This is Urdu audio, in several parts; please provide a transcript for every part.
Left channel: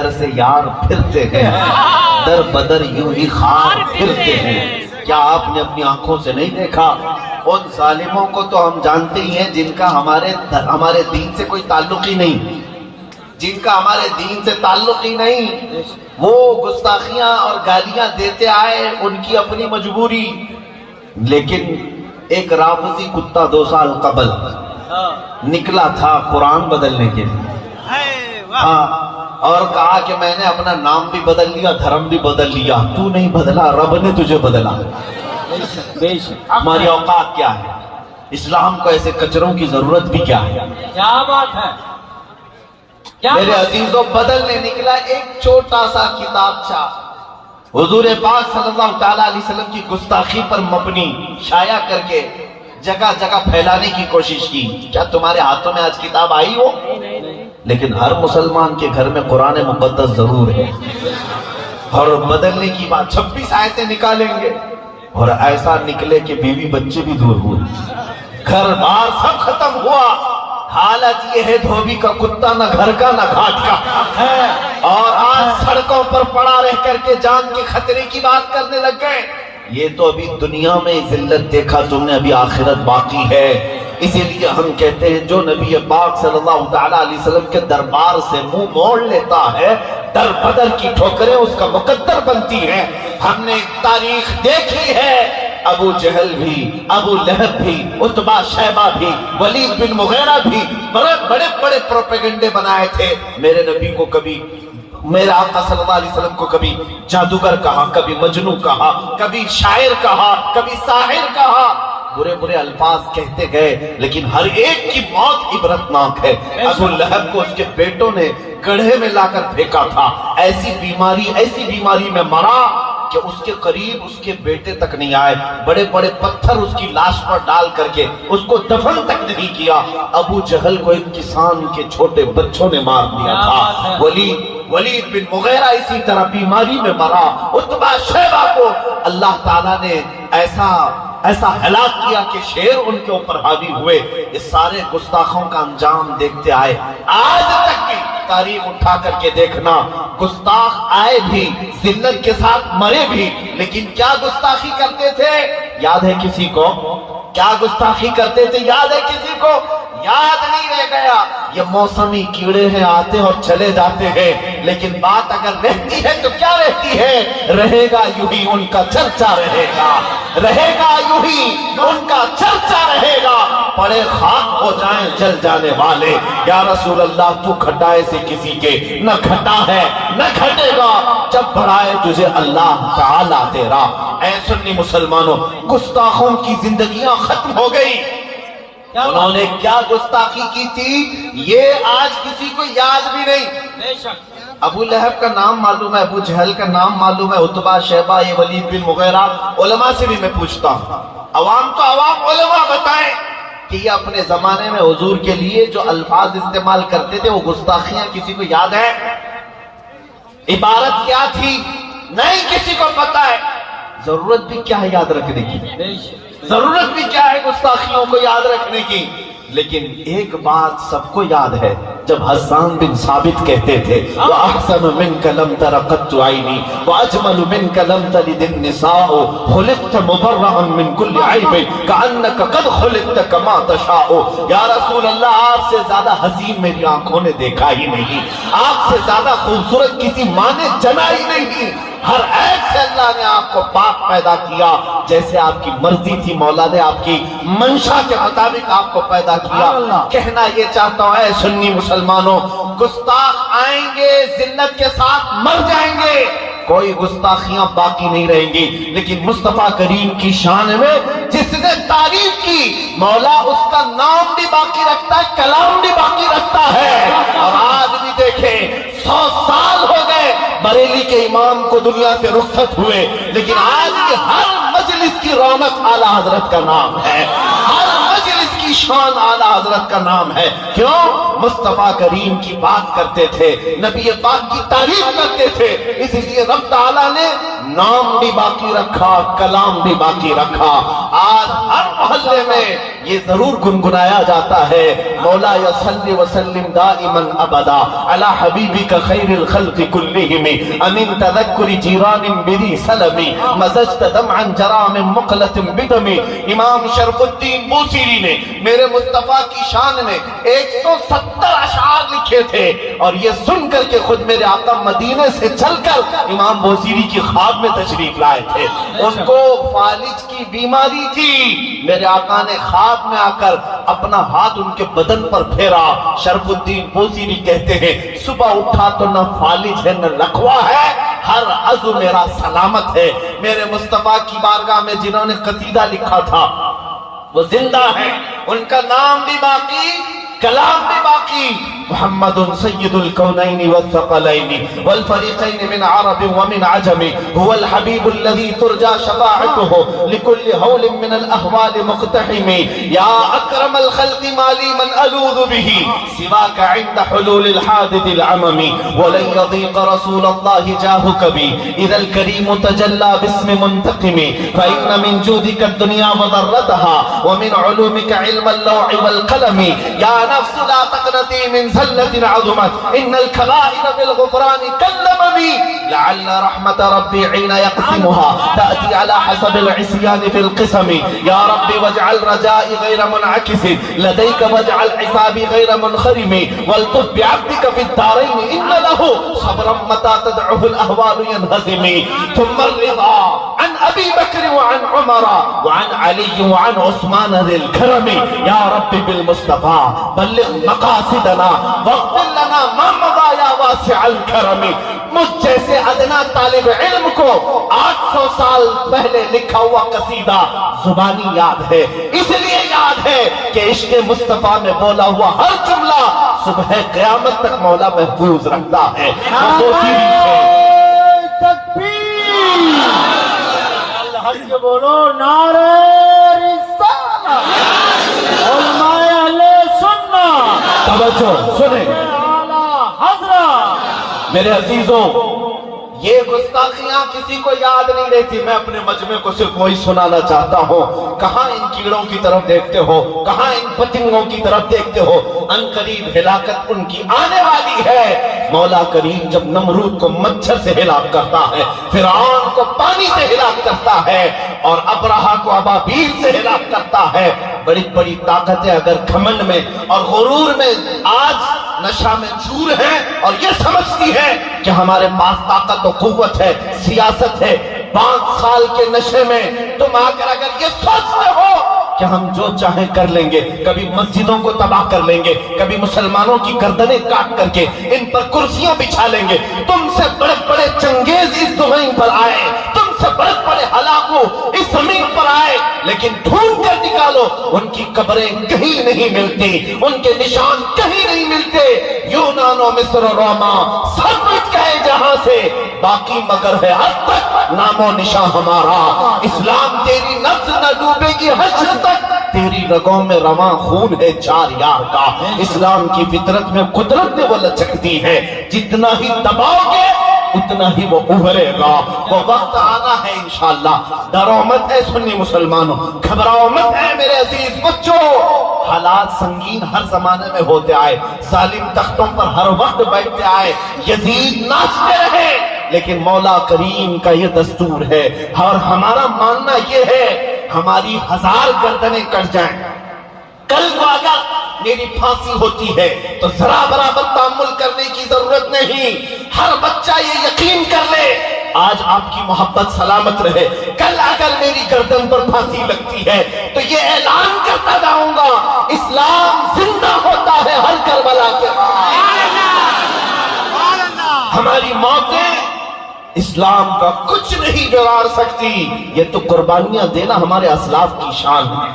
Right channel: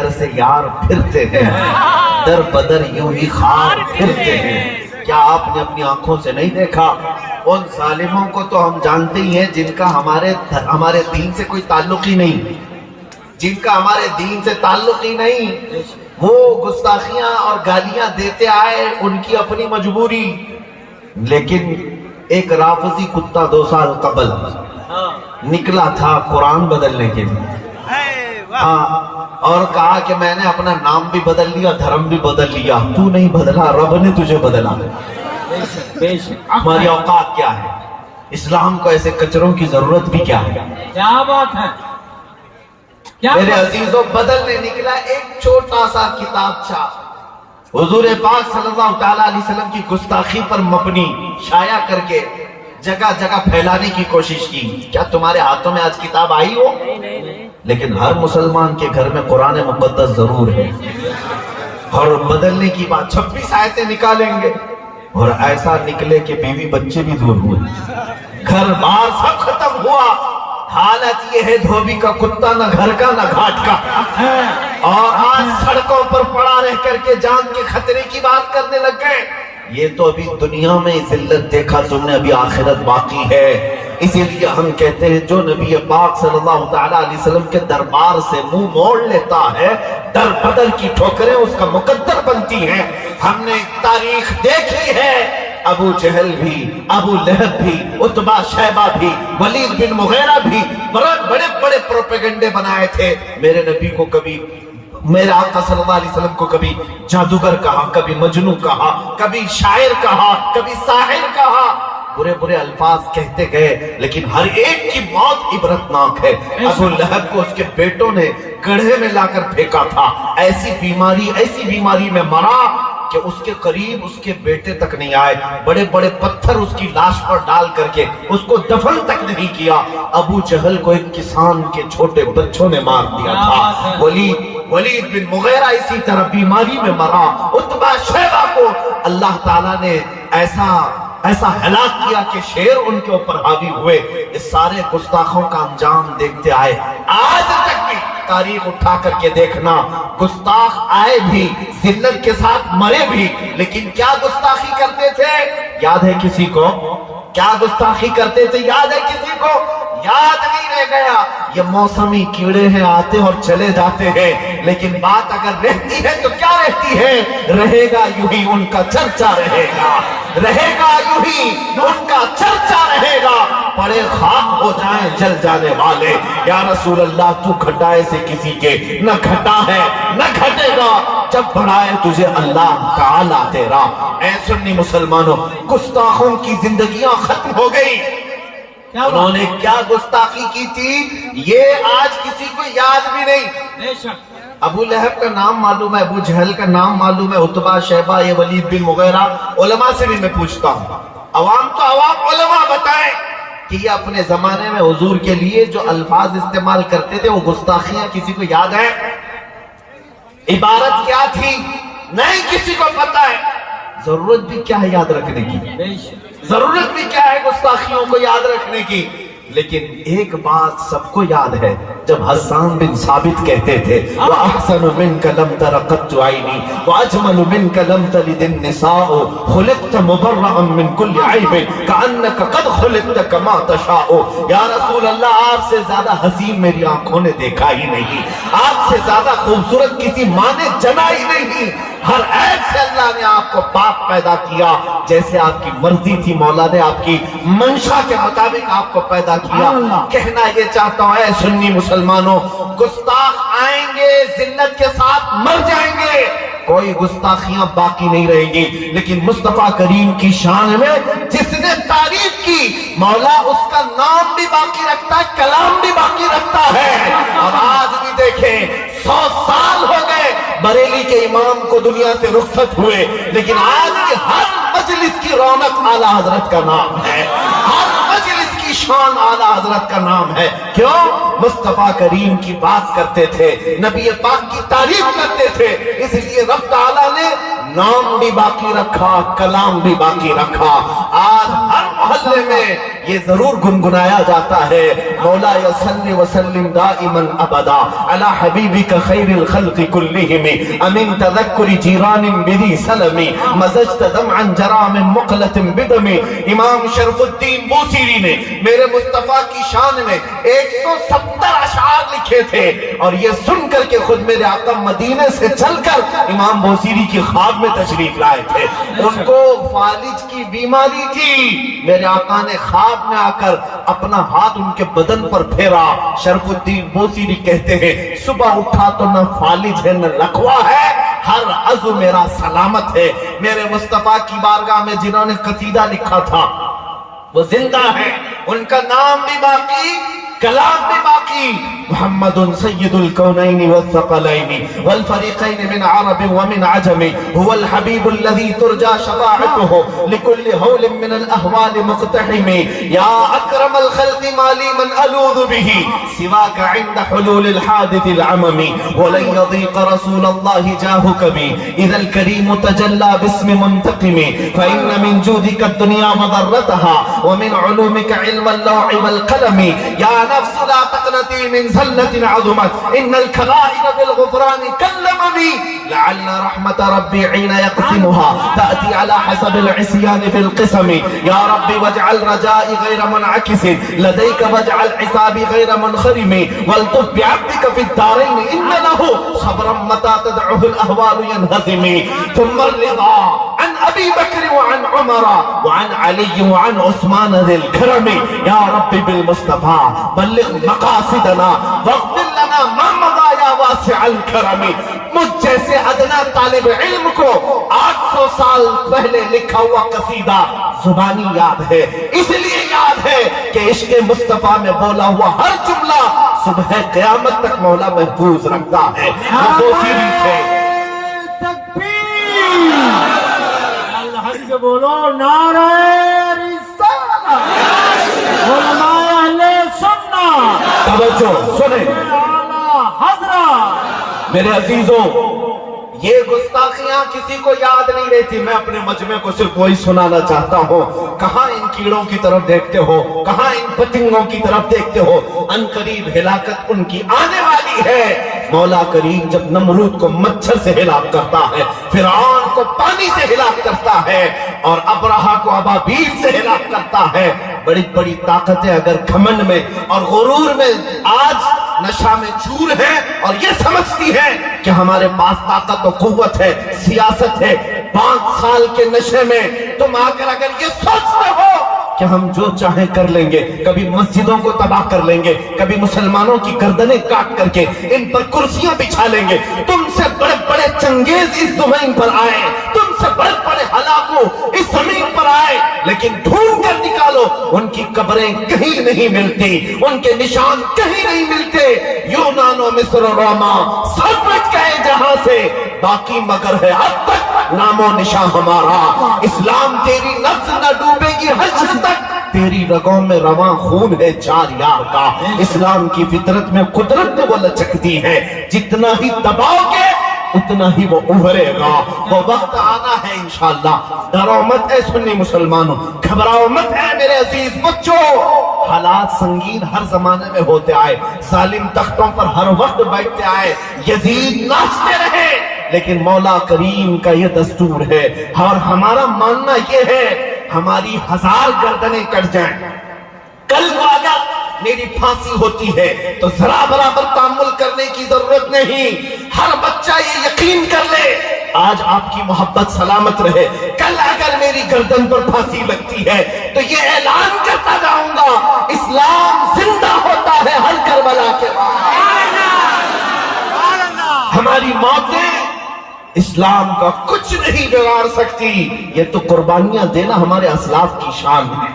در سے یار پھرتے ہیں، در بدر یوں ہی خار پھرتے ہیں۔ کیا آپ نے اپنی آنکھوں سے نہیں دیکھا؟ ان ظالموں کو تو ہم جانتے ہی ہیں جن کا ہمارے دین سے کوئی تعلق ہی نہیں، جن کا ہمارے دین سے تعلق ہی نہیں، وہ گستاخیاں اور گالیاں دیتے آئے، ان کی اپنی مجبوری۔ لیکن ایک رافضی کتا 2 سال قبل نکلا تھا قرآن بدلنے کے لیے، ہاں، اور کہا کہ میں نے اپنا نام بھی بدل لیا، دھرم بھی بدل لیا۔ تو نہیں بدلا، رب نے تجھے بدلا۔ ہماری اوقات کیا ہے؟ اسلام کو ایسے کچروں کی ضرورت بھی کیا ہے؟ کیا بات ہے؟ میرے عزیزوں، بدلنے نکلا ایک چھوٹا سا کتابچہ، حضور پاک صلی اللہ تعالیٰ علیہ وسلم کی گستاخی پر مبنی شائع کر کے جگہ جگہ پھیلانے کی کوشش کی۔ کیا تمہارے ہاتھوں میں آج کتاب آئی ہو؟ لیکن ہر مسلمان کے گھر میں قرآن مقدس ضرور ہے، اور بدلنے کی بات 26 آیتیں نکالیں گے، اور ایسا نکلے کہ بیوی بچے بھی دور ہوئے، گھر بار سب ختم ہوا۔ حالت یہ ہے دھوبی کا کتا، نہ گھر کا نہ گھاٹ کا، اور آج سڑکوں پر پڑا رہ کر کے جان کے خطرے کی بات کرنے لگ گئے۔ یہ تو ابھی دنیا میں ذلت دیکھا تم نے، ابھی آخرت باقی ہے۔ اسی لیے ہم کہتے ہیں جو نبی پاک صلی اللہ تعالیٰ علیہ وسلم کے دربار سے منہ موڑ لیتا ہے، در بدر کی ٹھوکریں اس کا مقدر بنتی ہیں۔ ہم نے تاریخ دیکھی ہے، ابو جہل بھی، ابو لہب بھی، عتبہ شیبہ بھی، ولید بن مغیرہ بھی بڑے بڑے پروپیگنڈے بنائے تھے۔ میرے نبی کو کبھی، میرے آقا صلی اللہ علیہ وسلم کو کبھی جادوگر کہا، کبھی مجنوں کہا، کبھی شاعر کہا، کبھی ساحر کہا، برے برے الفاظ کہتے گئے، لیکن ہر ایک کی موت عبرتناک ہے۔ ابو لہب کو اس کے بیٹوں نے گڑھے میں لا کر پھینکا تھا، ایسی بیماری میں مرا کہ اس کے قریب اس کے بیٹے تک نہیں آئے، بڑے بڑے پتھر اس کی لاش پر ڈال کر کے اس کو دفن تک نہیں کیا۔ ابو جہل کو ایک کسان کے چھوٹے بچوں نے مار دیا تھا۔ ولید بن مغیرہ اسی طرح بیماری میں مرا۔ عتبہ شیبہ کو اللہ تعالیٰ نے ایسا ہلاک کیا کہ شیر ان کے اوپر حاوی ہوئے۔ اس سارے گستاخوں کا انجام دیکھتے آئے۔ آج تک بھی تاریخ اٹھا کر کے دیکھنا، گستاخ آئے بھی، ذلت کے ساتھ مرے بھی، لیکن کیا گستاخی کرتے تھے یاد ہے کسی کو؟ کیا گستاخی کرتے تھے یاد ہے کسی کو؟ یاد نہیں رہ گیا۔ یہ موسمی کیڑے ہیں، آتے اور چلے جاتے ہیں، لیکن بات اگر رہتی ہے تو کیا رہتی ہے؟ رہے گا یوں ہی ان کا چرچا رہے گا، رہے گا یوں ہی ان کا چرچا رہے گا، پڑے خاک ہو جائیں جل جانے والے۔ یا رسول اللہ، تو گھٹائے سے کسی کے نہ گھٹا ہے نہ گھٹے گا، جب بڑھائے تجھے اللہ تعالیٰ تیرا۔ اے سنی مسلمانوں، گستاخوں کی زندگیاں ختم ہو گئی۔ انہوں نے کیا گستاخی کی تھی یہ آج کسی کو یاد بھی نہیں۔ ابو لہب کا نام معلوم ہے، ابو جہل کا نام معلوم ہے، عتبہ شیبہ، یہ ولید بن مغیرہ۔ علماء سے بھی میں پوچھتا ہوں، عوام تو عوام، علماء بتائیں کہ یہ اپنے زمانے میں حضور کے لیے جو الفاظ استعمال کرتے تھے وہ گستاخیاں کسی کو یاد ہے؟ عبارت کیا تھی؟ نہیں کسی کو پتا ہے۔ ضرورت بھی کیا ہے یاد رکھنے کی؟ ضرورت بھی کیا ہے گستاخیوں کو یاد رکھنے کی؟ لیکن ایک بات سب کو یاد ہے، جب حسان بن ثابت کہتے تھے وَأَحْسَنُ مِنْكَ لَمْ تَرَ قَطُّ عَيْنِي وَأَجْمَلُ مِنْكَ لَمْ تَلِدِ النِّسَاءُ خُلِقْتَ مُبَرَّأً مِنْ كُلِّ عَيْبٍ كَأَنَّكَ قَدْ خُلِقْتَ كَمَا تَشَاءُ۔ یا رسول اللہ، آپ سے زیادہ حسین میری آنکھوں نے دیکھا ہی نہیں، آپ سے زیادہ خوبصورت کسی ماں نے جنا ہی نہیں۔ ہر عیب سے اللہ نے آپ کو پاک پیدا کیا، جیسے آپ کی مرضی تھی مولا نے آپ کی منشا کے مطابق آپ کو پیدا کیا۔ کہنا یہ چاہتا ہوں اے سنی مسلمانوں، گستاخ آئیں گے، ذلت کے ساتھ مر جائیں گے، کوئی گستاخیاں باقی نہیں رہیں گی، لیکن مصطفیٰ کریم کی شان میں جس نے تعریف کی، مولا اس کا نام بھی باقی رکھتا ہے، کلام بھی باقی رکھتا ہے۔ اور آج بھی دیکھیں 100 سال ہو گئے بریلی کے امام کو دنیا سے رخصت ہوئے، لیکن آج کی ہر مجلس کی رونق اعلیٰ حضرت کا نام ہے، ہر مجلس کی شان اعلیٰ حضرت کا نام ہے۔ کیوں؟ مصطفیٰ کریم کی بات کرتے تھے، نبی پاک کی تعریف کرتے تھے، اس لیے رب تعالیٰ نے نام بھی باقی رکھا، کلام بھی باقی رکھا۔ آج ہر محلے میں یہ ضرور گنگنایا جاتا ہے، مولا صلی وسلم دائما ابدا علی حبیبک خیر الخلق کلہم امن تذکر جیران بذی سلم مزجت دمعا جرا من مقلۃ بدم۔ امام شرف الدین بوصیری نے میرے مصطفیٰ کی شان میں 170 اشعار لکھے تھے، اور یہ سن کر کے خود میرے آقا مدینے سے چل کر امام بوصیری کی خواب میں تشریف لائے تھے۔ ان کو فالج کی بیماری تھی، میرے آقا نے خواب میں آ کر اپنا ہاتھ ان کے بدن پر پھیرا۔ شرف الدین بوصیری کہتے ہیں صبح اٹھا تو نہ فالج ہے نہ لقوا ہے، ہر عضو میرا سلامت ہے۔ میرے مصطفیٰ کی بارگاہ میں جنہوں نے قصیدہ لکھا تھا وہ زندہ ہے، ان کا نام بھی باقی، کلام بھی باقی۔ محمد سید الکونین والثقلین والفریقین من عرب ومن عجم هو الحبیب الذي ترجى شفاعته لكل هول من الاهوال مقتحم یا اکرم الخلق مالی من الوذ به سواك عند حلول الحادث العمم ولن يضيق رسول الله جاهك بي اذا الكريم تجلى باسم منتقم فان من جودك الدنيا وضرتها ومن علومك علم اللوح والقلم یا نفس لا تقنطي من زلة عظمت ان الكبائر بالغفران كاللمم لعل رحمة ربي حين يقسمها تأتي على حسب العصيان في القسم يا ربي واجعل رجائي غير منعكس لديك واجعل حسابي غير منخرم والطف بعبدك في الدارين ان له صبرا متى تدعه الاهوال ينهزم ثم الرضا عن ابي بكر وعن عمر وعن علي وعن عثمان ذي الكرم يا ربي بالمصطفى بلغ مقاصدنا واغفر لنا ما مضى یا واسع الکرم۔ مجھ جیسے ادنا طالب علم کو 800 سال پہلے لکھا ہوا قصیدہ زبانی یاد ہے، اس لیے یاد ہے کہ عشق مصطفیٰ میں بولا ہوا ہر جملہ صبح قیامت تک مولا محفوظ رکھتا ہے۔ بوصیری تھے تکبیر، الحق بولو نعرہ رسالہ، علماء اہل سنت، توجہ سنیں اعلیٰ حضرت۔ میرے عزیزوں، یہ گستاخیاں کسی کو یاد نہیں رہتی، میں اپنے مجمع کو صرف وہی سنانا چاہتا ہوں۔ کہاں ان کیڑوں کی طرف دیکھتے ہو، کہاں ان پتنگوں کی طرف دیکھتے ہو، ان قریب ہلاکت ان کی آنے والی ہے۔ مولا کریم جب نمرود کو مچھر سے ہلاک کرتا ہے، فرعون کو پانی سے ہلاک کرتا ہے، اور ابرہہ کو ابابیل سے ہلاک کرتا ہے، بڑی بڑی طاقتیں اگر گھمنڈ میں اور غرور میں آج نشہ میں چور ہے اور یہ سمجھتی ہے کہ ہمارے پاس طاقت و قوت ہے، سیاست ہے، 5 سال کے نشے میں تم آ کر اگر یہ سوچتے ہو کہ ہم جو چاہیں کر لیں گے، کبھی مسجدوں کو تباہ کر لیں گے، کبھی مسلمانوں کی گردنیں کاٹ کر کے ان پر کرسیاں بچھا لیں گے، تم سے بڑے بڑے چنگیز اس زمین پر آئے، تم سے بڑے بڑے ہلاکو اس زمین پر آئے، لیکن ڈھونڈ کر نکالو ان کی قبریں کہیں نہیں ملتی، ان کے نشان کہیں نہیں ملتے۔ یونان و مصر و روما سب مٹ گئے جہاں سے، باقی مگر ہے اب تک نام و نشان ہمارا۔ اسلام تیری نفس نہ ڈوبے گی حشر تک، تیری رگوں میں رواں خون ہے 4 یار کا۔ اسلام کی فطرت میں قدرت میں وہ لچکتی ہے، جتنا ہی دباؤ گے اتنا ہی وہ ابھرے گا۔ وہ وقت آنا ہے انشاءاللہ۔ ڈرو مت اے سنی مسلمانوں، گھبراؤ مت اے میرے عزیز بچوں۔ حالات سنگین ہر زمانے میں ہوتے آئے، ظالم تختوں پر ہر وقت بیٹھتے آئے، یزید ناچتے رہے، لیکن مولا کریم کا یہ دستور ہے اور ہمارا ماننا یہ ہے ہماری 1000 گردنیں کٹ جائیں، کل کو اگر میری پھانسی ہوتی ہے تو ذرا برابر تحمل کرنے کی ضرورت نہیں۔ ہر بچہ یہ یقین کر لے آج آپ کی محبت سلامت رہے، کل اگر میری گردن پر پھانسی لگتی ہے تو یہ اعلان کرتا جاؤں گا اسلام زندہ ہوتا ہے ہر کربلا کے بعد۔ ہماری موتیں اسلام کا کچھ نہیں بگاڑ سکتی، یہ تو قربانیاں دینا ہمارے اسلاف کی شان ہے،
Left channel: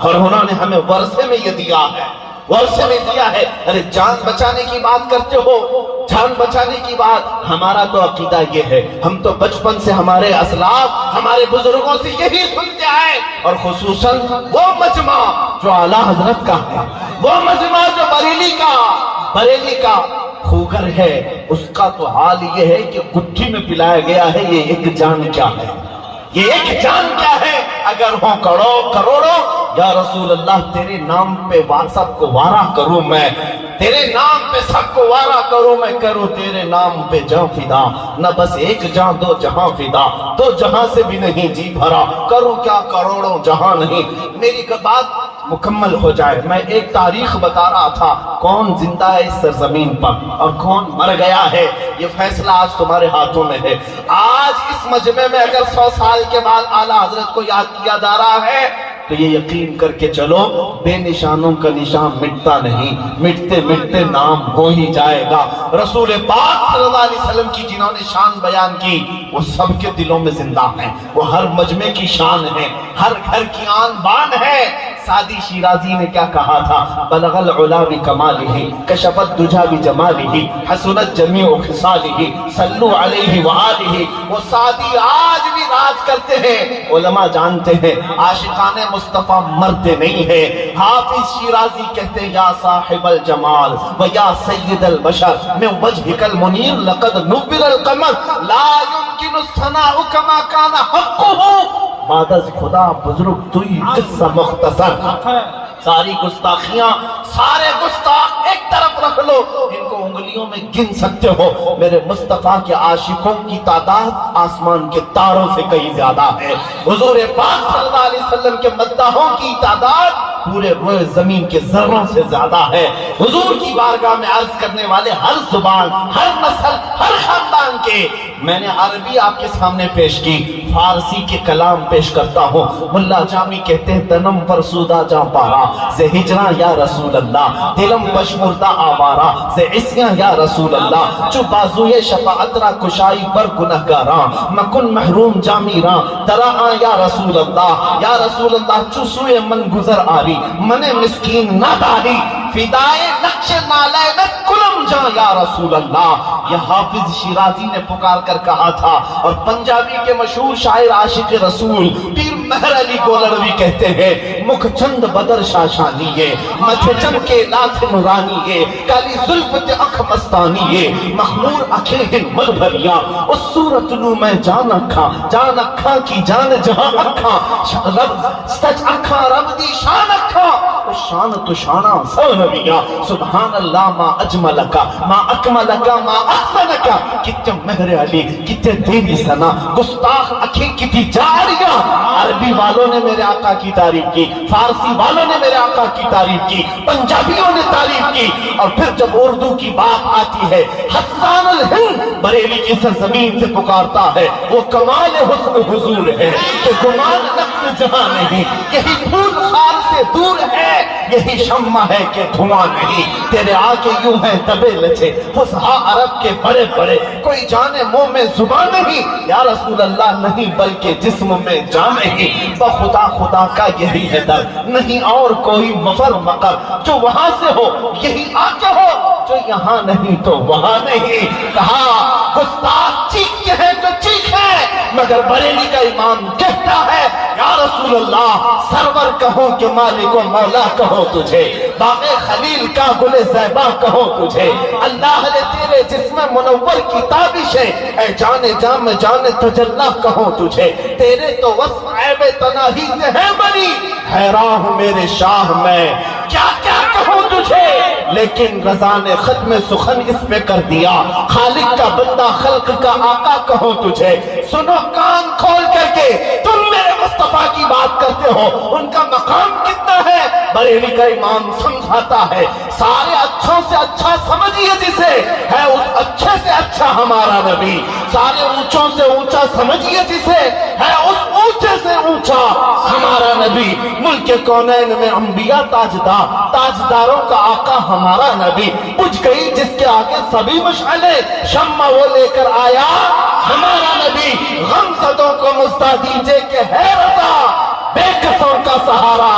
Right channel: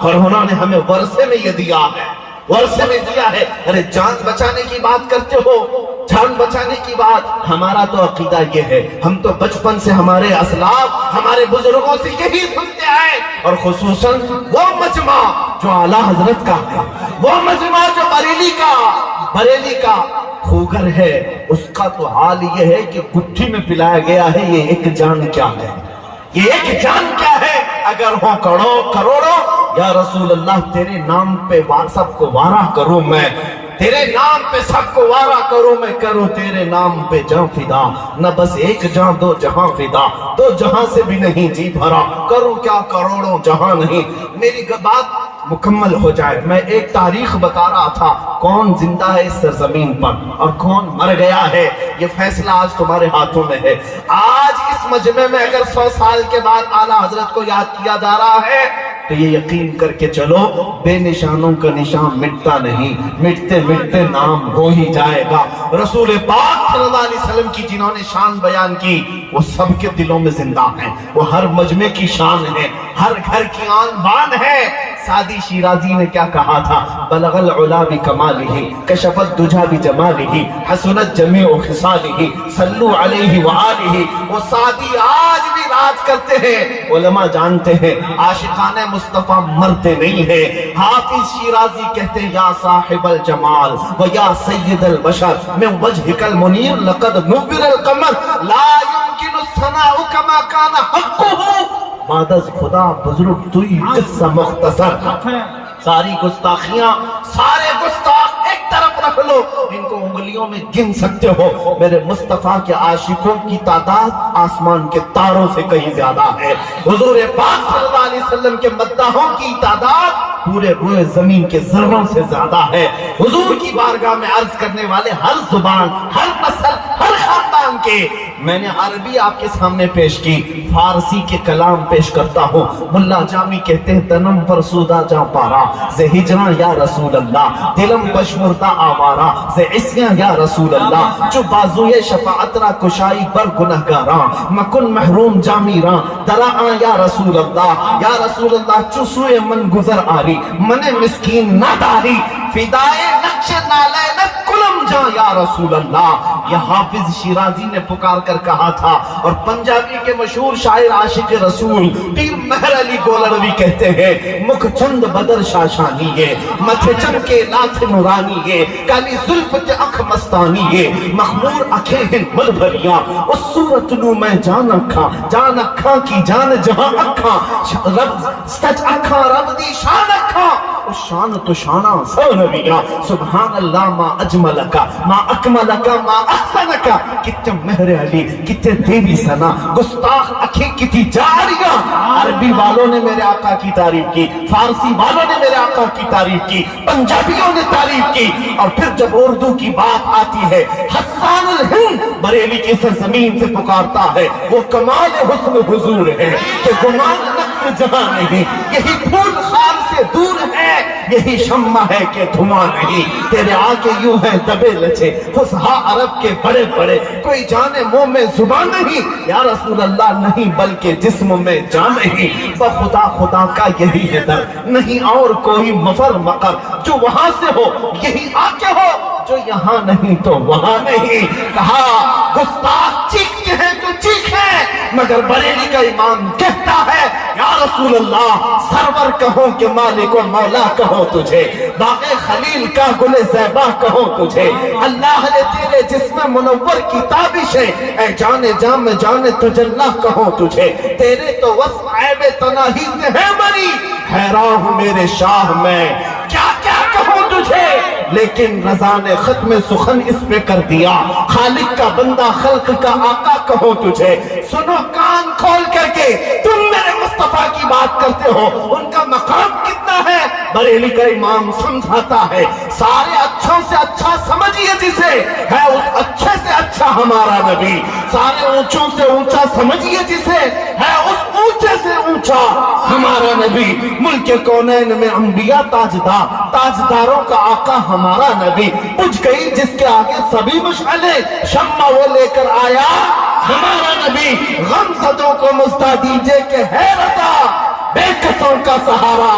اور انہوں نے ہمیں ورثے میں یہ دیا ہے، ورثے میں دیا ہے۔ ارے جان بچانے کی بات کرتے ہو، جان بچانے کی بات، ہمارا تو عقیدہ یہ ہے، ہم تو بچپن سے ہمارے اسلاف ہمارے بزرگوں سے یہی سنتے آئے، اور خصوصاً وہ مجمع جو اعلیٰ حضرت کا ہے، وہ مجمع جو بریلی کا خوگر ہے، اس کا تو حال یہ ہے کہ گٹھی میں پلایا گیا ہے یہ ایک جان کیا ہے، یہ ایک جان کیا ہے۔ اگر ہو کروڑوں یا رسول اللہ تیرے نام پہ سب کو وارا کروں میں، تیرے نام پہ سب کو وارا کروں میں، کروں تیرے نام پہ جان فدا، نہ بس ایک جان دو جہاں فدا، دو جہاں سے بھی نہیں جی بھرا، کروں کیا کروڑوں جہاں نہیں۔ میری بات مکمل ہو جائے، میں ایک تاریخ بتا رہا تھا، کون زندہ ہے اس سرزمین پر اور کون مر گیا ہے، یہ فیصلہ آج تمہارے ہاتھوں میں ہے۔ آج اس مجمع میں اگر 100 سال کے بعد اعلیٰ حضرت کو یاد کیا جا رہا ہے تو یہ یقین کر کے چلو بے نشانوں کا نشان مٹتا نہیں، مٹتے مٹتے نام ہو ہی جائے گا۔ رسول پاک صلی اللہ علیہ وسلم کی جنہوں نے شان بیان کی وہ سب کے دلوں میں زندہ ہیں، وہ ہر مجمع کی شان ہے، ہر گھر کی آن بان ہے۔ سعدی شیرازی نے کیا کہا تھا؟ بلغ العلا بکمالہ کشف الدجا بجمالہ حسنت جمیع خصالہ صلو علیہ وآلہ۔ وہ سعدی آج بھی راج کرتے ہیں، علماء جانتے ہیں عاشقان مصطفیٰ مرتے نہیں ہیں۔ حافظ شیرازی کہتے ہیں یا صاحب الجمال و یا سید البشر من وجہک المنیر لقد نور القمر لا يمکن الثناء کما کان حقہ۔ بعد از خدا بزرگ توی قصہ مختصر۔ ساری گستاخیاں، سارے گستاخ ایک طرف رکھ لو، ان کو انگلیوں میں گن سکتے ہو، میرے مصطفیٰ کے عاشقوں کی تعداد آسمان کے تاروں سے کہیں زیادہ ہے۔ حضور پاک صلی اللہ علیہ وسلم کے مداحوں کی تعداد پورے روئے زمین کے ذروں سے زیادہ ہے۔ حضور کی بارگاہ میں عرض کرنے والے ہر زبان، ہر نسل، ہر خاندان کے، میں نے عربی آپ کے سامنے پیش کی، فارسی کے کلام پیش کرتا ہوں۔ ملا جامی کہتے ہیں تنم فرسودہ جا پارا زِ ہجراں یا رسول اللہ، دلم بشمردہ آوارا زِ عصیاں یا رسول اللہ، چو بازوئے شفاعت را کشائی بر گنہگاراں، مکن محروم جامیراں دلاآں یا رسول اللہ، یا رسول اللہ چو سوئے من گزر آری، من مسکین نہ داری، فدائے نقش نالینت کلم جا یا رسول اللہ۔ یہ حافظ شیرازی نے پکار کر کہا تھا، اور پنجابی کے مشہور شاعر عاشق رسول پیر مہر علی گولڑوی کہتے ہیں مکھ چند بدر شاشانی ہے، متھے چم کے لاتھ نورانی ہے، کالی زلف تے اکھ مستانی ہے، مخمور اکھیں ہیں مل بھریاں، اس صورت نو میں جان اکھاں کی جان جہاں اکھاں، رب سچ اکھاں رب دی شان اکھاں، اس شان تو شانہ سو نبیاں، سبحان اللہ ما اجملکا ما اکملکا ما احسنکا، کتنے مہر علی کتنے تیری سنا، گستاخ اکھیں کتی جاریاں۔ عربی والوں نے میرے آقا کی تعریف کی، فارسی والوں نے میرے آقا کی تعریف کی، پنجابیوں نے تعریف کی، اور پھر جب اردو کی بات آتی ہے حسان الہند بریلی کی سرزمین سے پکارتا ہے، وہ کمال حسن حضور ہے کہ گمان نقص جہاں نہیں، یہی پھول خار سے دور ہے، یہی شمع ہے کہ دھواں نہیں، تیرے آگے یوں ہیں دبے لچے فصحا عرب کے بڑے بڑے، کوئی جانے منہ میں زبان نہیں، یا رسول اللہ نہیں بلکہ جسم میں جان نہیں، بخدا خدا کا یہی ہے در، نہیں اور کوئی مفر مقر، جو وہاں سے ہو یہی آگے ہو، جو یہاں نہیں تو وہاں نہیں۔ کہا گستاخ چیختے ہیں تو چیخیں، مگر بریلی کا امام کہتا ہے یا رسول اللہ سرور کہو کہ مالک و مولا کہو تجھے، باغ خلیل کا گل زیبا کہو تجھے، اللہ نے تیرے جسم منور کی تابش ہے، اے جان جام جان تجلا کہو تجھے، تیرے تو وصف عیب تناہی سے ہے بری، حیران ہوں میرے شاہ میں کیا کیا کہوں تجھے، لیکن رضا نے ختم سخن اس پہ کر دیا، خالق کا بندہ خلق کا آقا کہو تجھے، سنو کان کھول کر کے تم میرے مصطفیٰ کی بات کرتے ہو، ان کا مقام کتنا ہے، بریلی کا امام سمجھاتا ہے، سارے اچھوں سے اچھا سمجھیے جسے، ہے اس اچھے سے اچھا ہمارا نبی، سارے اونچوں سے اونچا سمجھیے جسے، ہے اس اونچے سے اونچا ہمارا نبی، ملک کونین میں انبیاء تاجدار، تاجداروں کا آقا ہمارا نبی، بجھ گئی جس کے آگے سبھی مشعلیں، شمع وہ لے کر آیا ہمارا نبی، غم زدوں کو مزدہ دیجئے کہ ہے رضا، بے کسوں کا سہارا